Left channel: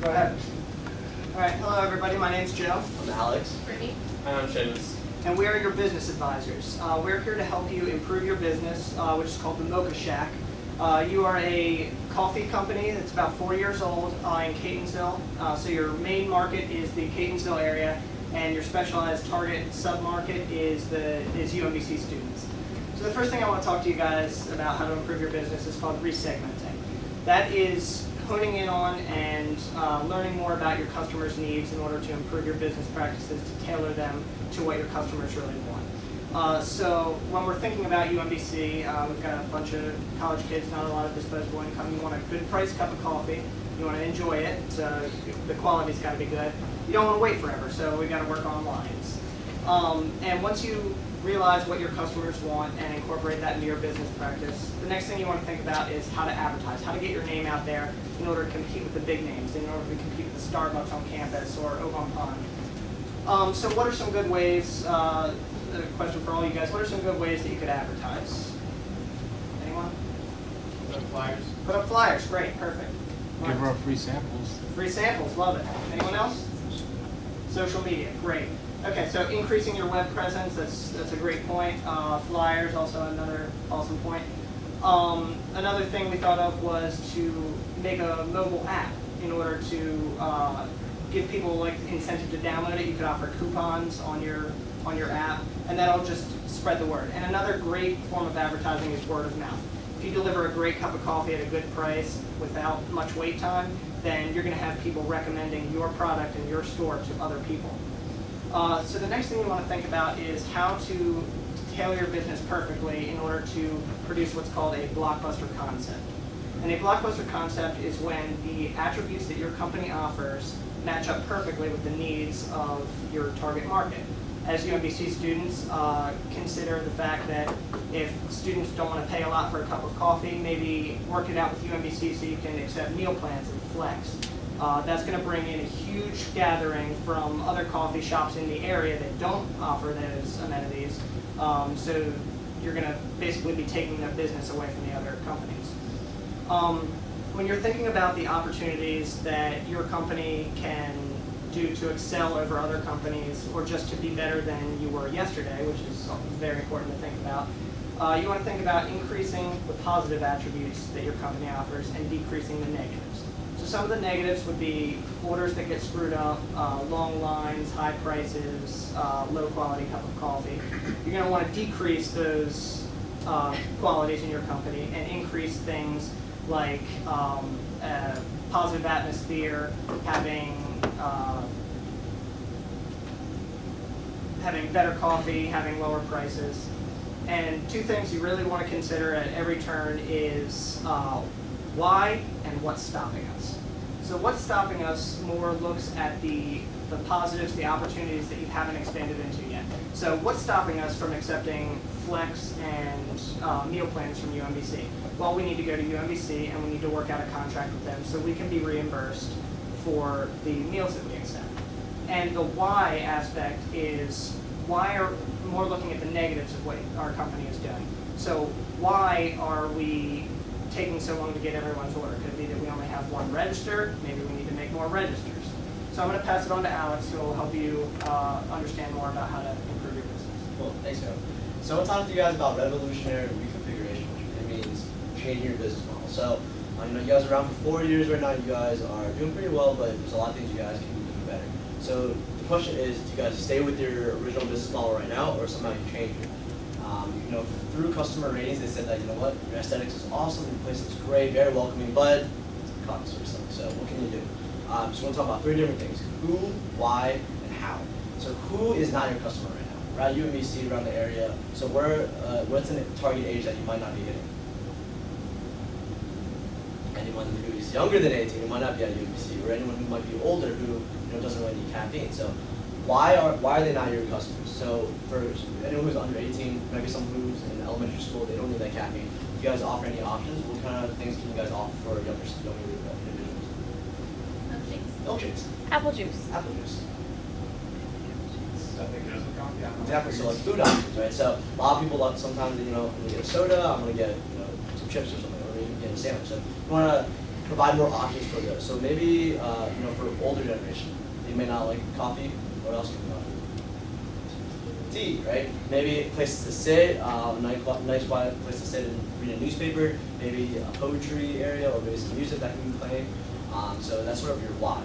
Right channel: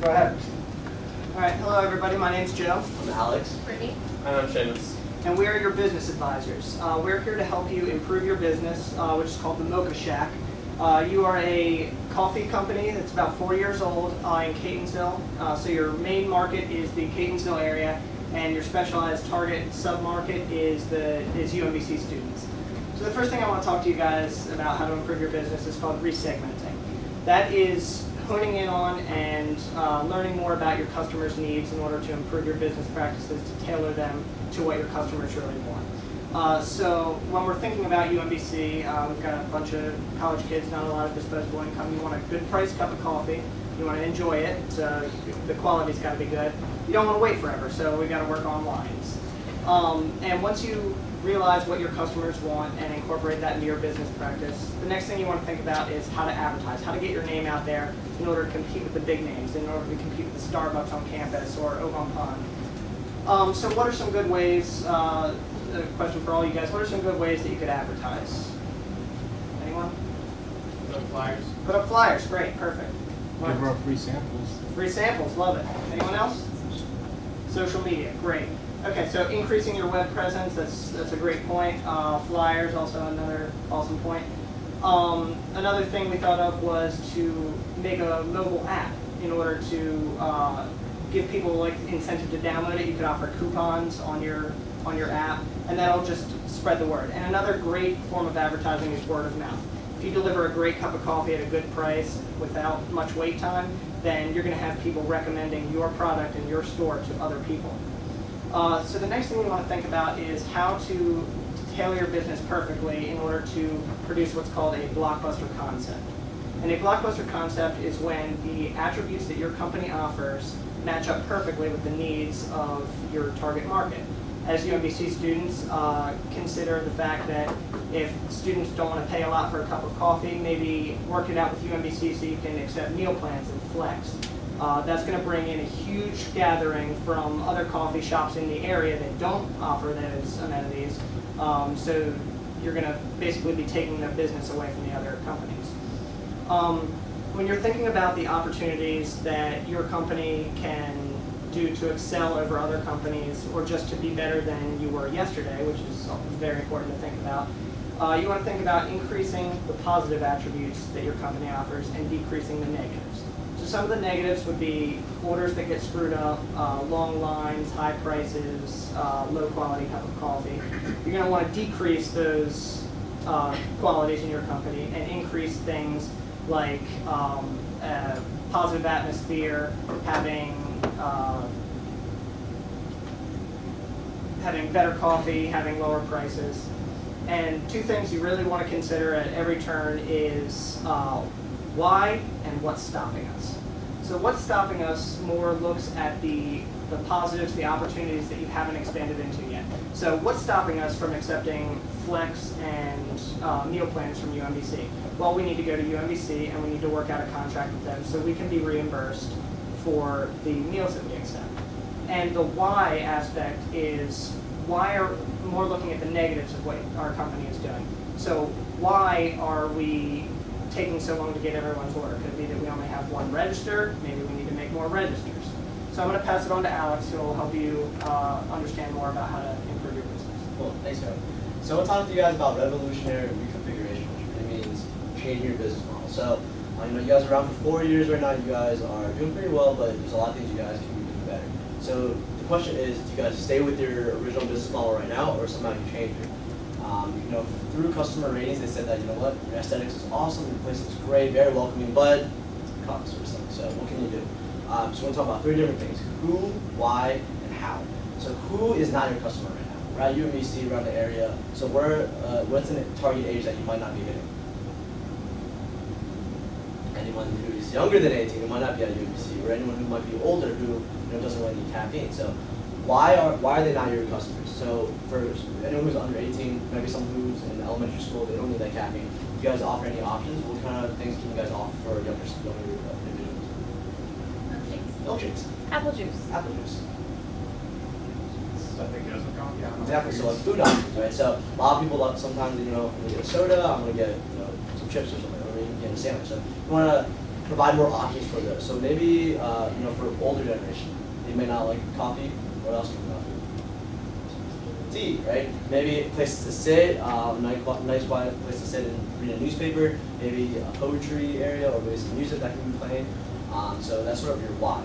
Go ahead. All right, hello everybody, my name's Joe. I'm Alex. Brittany. And I'm Seamus. And we are your business advisors. We're here to help you improve your business, which is called the Mocha Shack. You are a coffee company that's about 4 years old in Catonsville. So your main market is the Catonsville area, and your specialized target sub-market is UMBC students. So the first thing I want to talk to you guys about how to improve your business is called resegmenting. That is honing in on and learning more about your customers' needs in order to improve your business practices to tailor them to what your customers really want. So when we're thinking about UMBC, we've got a bunch of college kids, not a lot of disposable income. You want a good priced cup of coffee. You want to enjoy it. So the quality's got to be good. You don't want to wait forever, so we got to work on lines. And once you realize what your customers want and incorporate that into your business practice, the next thing you want to think about is how to advertise, how to get your name out there in order to compete with the big names, in order to compete with the Starbucks on campus or Ogon Pond. So what are some good ways, a question for all you guys, what are some good ways that you could advertise? Anyone? Put up flyers. Put up flyers, great, perfect. Give her free samples. Free samples, love it. Anyone else? Social media, great. Okay, so increasing your web presence, that's a great point. Flyers, also another awesome point. Another thing we thought of was to make a mobile app in order to give people like incentive to download it. You could offer coupons on your app, and that'll just spread the word. And another great form of advertising is word of mouth. If you deliver a great cup of coffee at a good price without much wait time, then you're going to have people recommending your product and your store to other people. So the next thing you want to think about is how to tailor your business perfectly in order to produce what's called a blockbuster concept. And a blockbuster concept is when the attributes that your company offers match up perfectly with the needs of your target market. As UMBC students, consider the fact that if students don't want to pay a lot for a cup of coffee, maybe work it out with UMBC so you can accept meal plans and flex. That's going to bring in a huge gathering from other coffee shops in the area that don't offer those amenities. So you're going to basically be taking the business away from the other companies. When you're thinking about the opportunities that your company can do to excel over other companies or just to be better than you were yesterday, which is very important to think about, you want to think about increasing the positive attributes that your company offers and decreasing the negatives. So some of the negatives would be orders that get screwed up, long lines, high prices, low quality cup of coffee. You're going to want to decrease those qualities in your company and increase things like positive atmosphere, having better coffee, having lower prices. And two things you really want to consider at every turn is why and what's stopping us. So what's stopping us more looks at the positives, the opportunities that you haven't expanded into yet. So what's stopping us from accepting flex and meal plans from UMBC? Well, we need to go to UMBC and we need to work out a contract with them so we can be reimbursed for the meals that we accept. And the why aspect is why are more looking at the negatives of what our company is doing. So why are we taking so long to get everyone's order? Could it be that we only have one register? Maybe we need to make more registers. So I'm going to pass it on to Alex, who will help you understand more about how to improve your business. Cool, thanks, Joe. So I want to talk to you guys about revolutionary reconfiguration, which really means changing your business model. So you guys are around for 4 years right now. You guys are doing pretty well, but there's a lot of things you guys can be doing better. So the question is, do you guys stay with your original business model right now, or somehow you change it? Through customer ratings, they said that, you know what, your aesthetics is awesome, your place is great, very welcoming, but it's a cost or something. So what can you do? So we're going to talk about 3 different things: who, why, and how. So who is not your customer right now? Right, UMBC around the area. So what's the target age that you might not be hitting? Anyone who is younger than 18 who might not be at UMBC, or anyone who might be older who doesn't really need caffeine. So why are they not your customers? So for anyone who's under 18, maybe someone who's in elementary school, they don't need that caffeine. Do you guys offer any options? What kind of things can you guys offer for younger individuals? Milkshakes. Apple juice. Apple juice. Stuff that goes with coffee. I don't know. Exactly. So like food options, right? So a lot of people like sometimes I'm gonna get a soda, I'm gonna get some chips or something, or even get a sandwich. So you wanna provide more options for those. So maybe, you know, for older generation, they may not like coffee. What else can coffee? Tea, right? Maybe a place to sit, nice quiet place to sit and read a newspaper, maybe a poetry area, or maybe some music that can be playing. So that's sort of your why.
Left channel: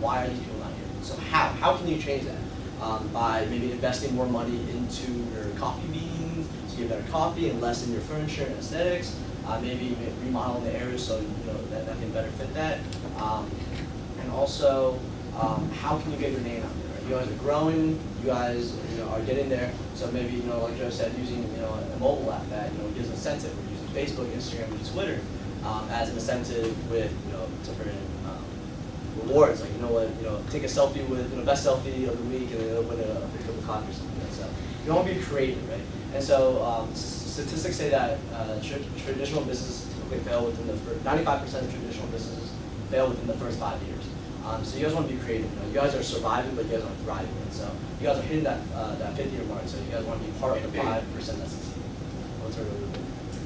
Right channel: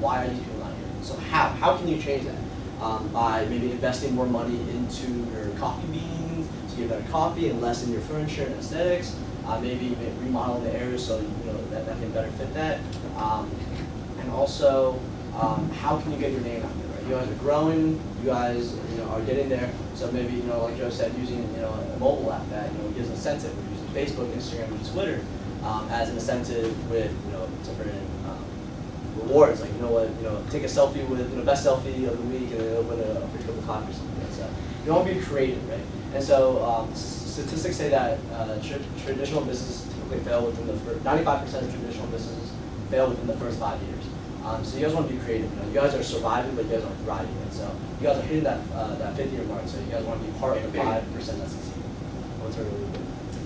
Why are these people not here? So how can you change that? By maybe investing more money into your coffee beans, so you get better coffee and less in your furniture and aesthetics. Maybe remodel the area so you know that can better fit that. And also, how can you get your name out there? Right? You guys are growing. You guys are getting there. So maybe like Joe said, using a mobile app that gives incentive. We're using Facebook, Instagram, and Twitter as an incentive with different rewards. Like take a selfie with best selfie of the week and then win a free cup of coffee or something. So you want to be creative, right? And so statistics say that traditional businesses typically fail within the first 95% of traditional businesses fail within the first 5 years. So you guys want to be creative. You guys are surviving, but you guys are thriving. And so you guys are hitting that 50-year mark. So you guys want to be part of the 5% that succeed. What's our really good?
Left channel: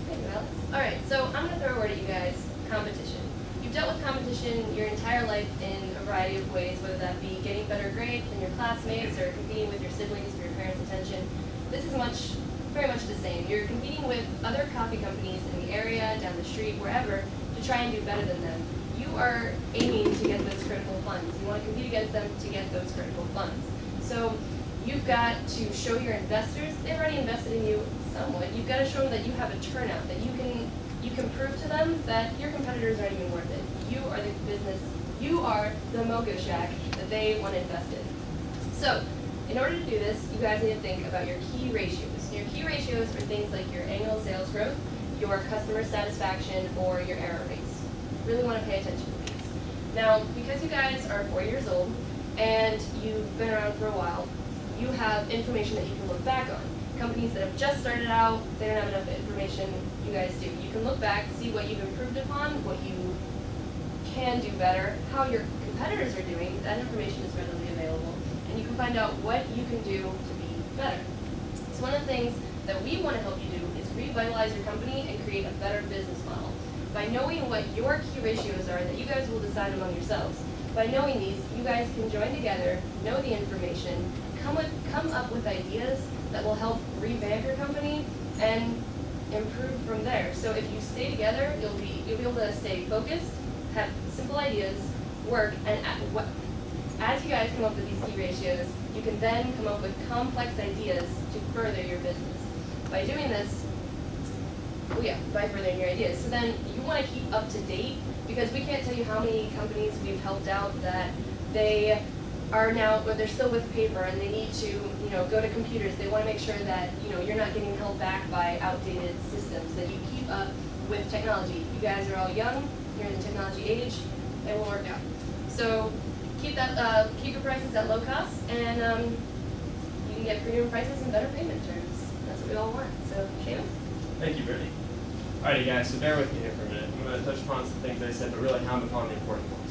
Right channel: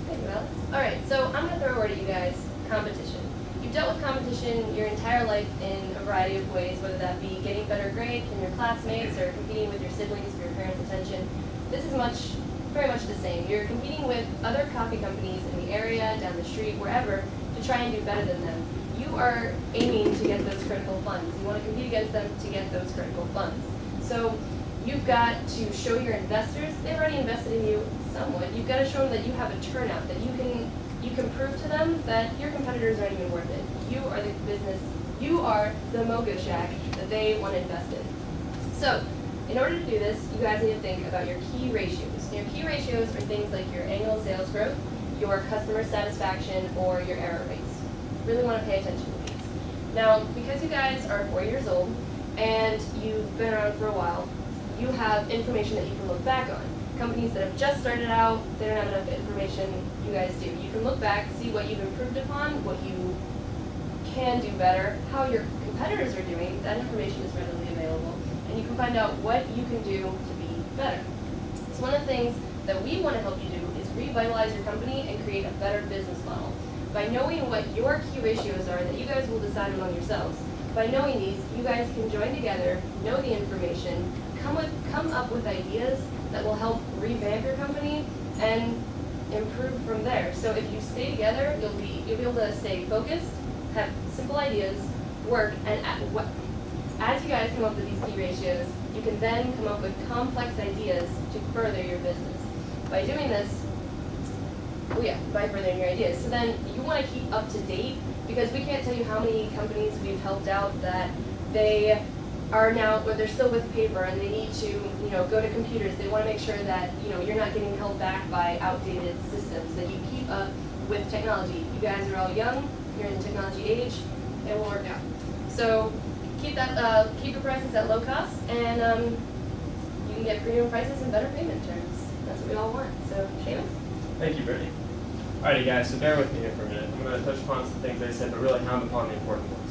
Thank you, Alex. All right, so I'm going to throw a word at you guys: competition. You've dealt with competition your entire life in a variety of ways, whether that be getting better grades than your classmates or competing with your siblings for your parents' attention. This is very much the same. You're competing with other coffee companies in the area, down the street, wherever, to try and do better than them. You are aiming to get those critical funds. You want to compete against them to get those critical funds. So you've got to show your investors, they've already invested in you somewhat, you've got to show them that you have a turnout, that you can prove to them that your competitors aren't even worth it. You are the business, you are the Mocha Shack that they want to invest in. So in order to do this, you guys need to think about your key ratios. Your key ratios are things like your annual sales growth, your customer satisfaction, or your error rates. Really want to pay attention to these. Now, because you guys are 4 years old and you've been around for a while, you have information that you can look back on. Companies that have just started out, they don't have enough information. You guys do. You can look back, see what you've improved upon, what you can do better, how your competitors are doing. That information is readily available. And you can find out what you can do to be better. So one of the things that we want to help you do is revitalize your company and create a better business model. By knowing what your key ratios are that you guys will decide among yourselves, by knowing these, you guys can join together, know the information, come up with ideas that will help revamp your company and improve from there. So if you stay together, you'll be able to stay focused, have simple ideas, work, and as you guys come up with these key ratios, you can then come up with complex ideas to further your business. By doing this, by furthering your ideas. So then you want to keep up to date, because we can't tell you how many companies we've helped out that they are now, or they're still with paper and they need to, go to computers. They want to make sure that, you're not getting held back by outdated systems, that you keep up with technology. You guys are all young, you're in the technology age, it will work out. So keep your prices at low cost, and you can get premium prices and better payment terms. That's what we all want. So, Seamus? Thank you, Brittany. Alrighty guys, so bear with me here for a minute. I'm going to touch upon some things I said, but really hound upon the important ones.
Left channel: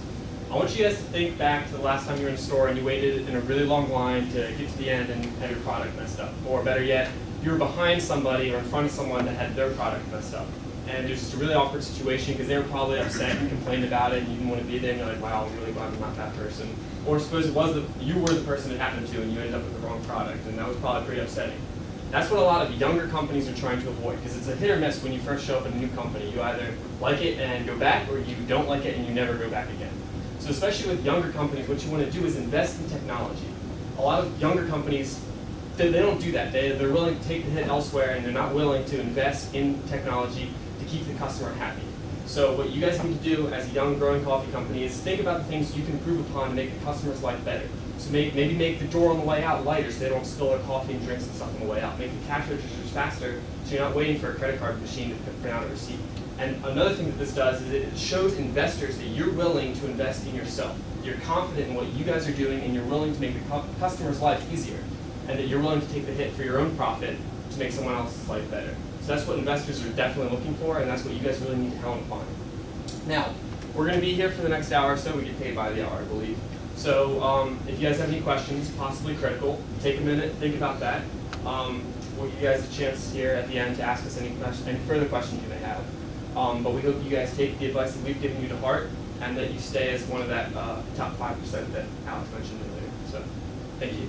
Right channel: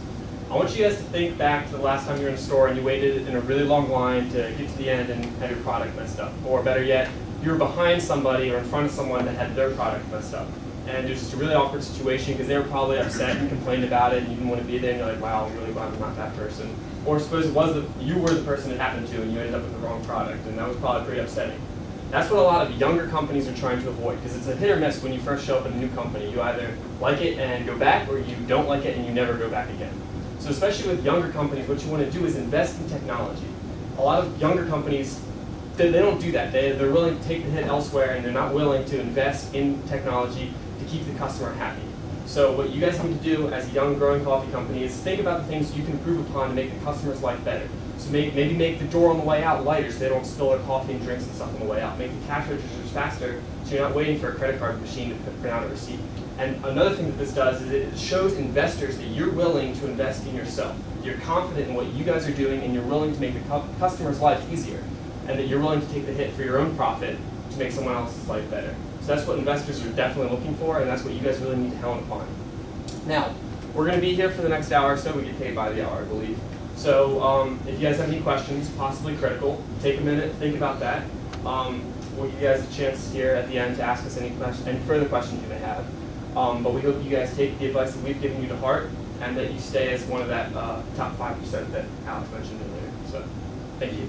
I want you guys to think back to the last time you were in a store and you waited in a really long line to get to the end and have your product messed up. Or better yet, you were behind somebody or in front of someone that had their product messed up. And it was just a really awkward situation because they were probably upset and complained about it and you didn't want to be there and you're like, wow, I'm really glad I'm not that person. Or suppose you were the person it happened to and you ended up with the wrong product, and that was probably pretty upsetting. That's what a lot of younger companies are trying to avoid, because it's a hit or miss when you first show up in a new company. You either like it and go back, or you don't like it and you never go back again. So especially with younger companies, what you want to do is invest in technology. A lot of younger companies, they don't do that. They're willing to take the hit elsewhere, and they're not willing to invest in technology to keep the customer happy. So what you guys need to do as a young growing coffee company is think about the things you can improve upon to make the customer's life better. So maybe make the door on the way out lighter so they don't spill their coffee and drinks and stuff on the way out. Make the cash registers faster so you're not waiting for a credit card machine to print out a receipt. And another thing that this does is it shows investors that you're willing to invest in yourself. You're confident in what you guys are doing, and you're willing to make the customer's life easier, and that you're willing to take the hit for your own profit to make someone else's life better. So that's what investors are definitely looking for, and that's what you guys really need to hound upon. Now, we're going to be here for the next hour or so. We get paid by the hour, I believe. So if you guys have any questions, possibly critical, take a minute, think about that. We'll give you guys a chance here at the end to ask us any further questions you may have. But we hope you guys take the advice that we've given you to heart, and that you stay as one of that top 5% that Alex mentioned earlier. So, thank you.